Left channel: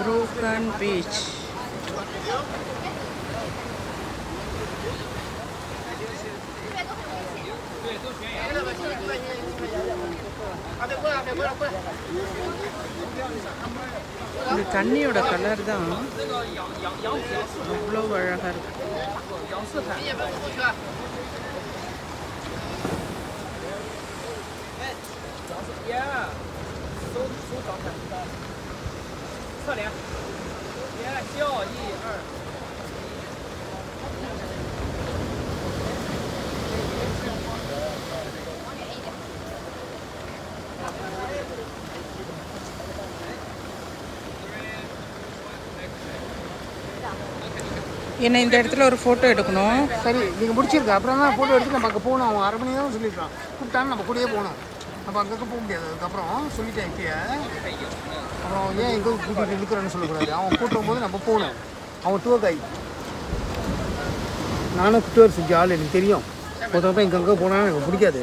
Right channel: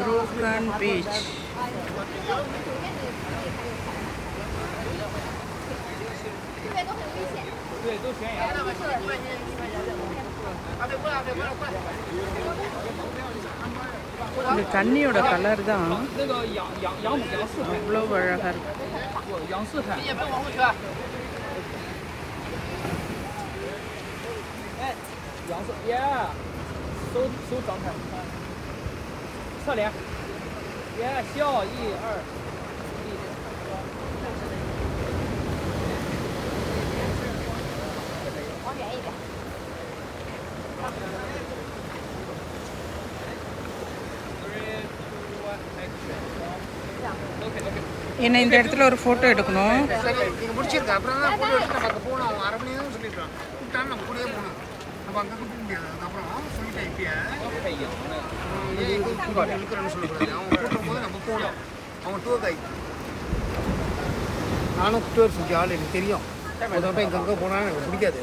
Broken Beach. இந்த தண்ணியோட colour தான் அவ்வளோ அழகாக இருக்கு.侧脸，别笑1、2。என்ன இந்த இடத்துல ஒரு ஃபோட்டோ எடுக்கணும். சரி நீங்கள் முடிச்சிருக்கு அப்புறமா ஃபோட்டோ எடுத்து நம்ம போகணும். அவன் அரை மணி நேரம் சொல்லியிருக்கான். கூப்பிட்டான்னு நம்ம கூடயே போகணும். நம்ம அங்கே போக முடியாது. அதுக்கப்புறம் சொல்லிட்டேன் இப்பயே. அப்புறம் ஏன் எங்கே கூட்டிகிட்டு இருக்கிறேன்னு சொல்லக்கூடாது. அவன் கூட்டும் போது நம்ம போகணும். அவன் டூர் கைடு. நானும் டூர் செஞ்ச ஆள் எனக்கு தெரியும். ஒருத்தவங்க இங்கே போனால் எனக்கு பிடிக்காது.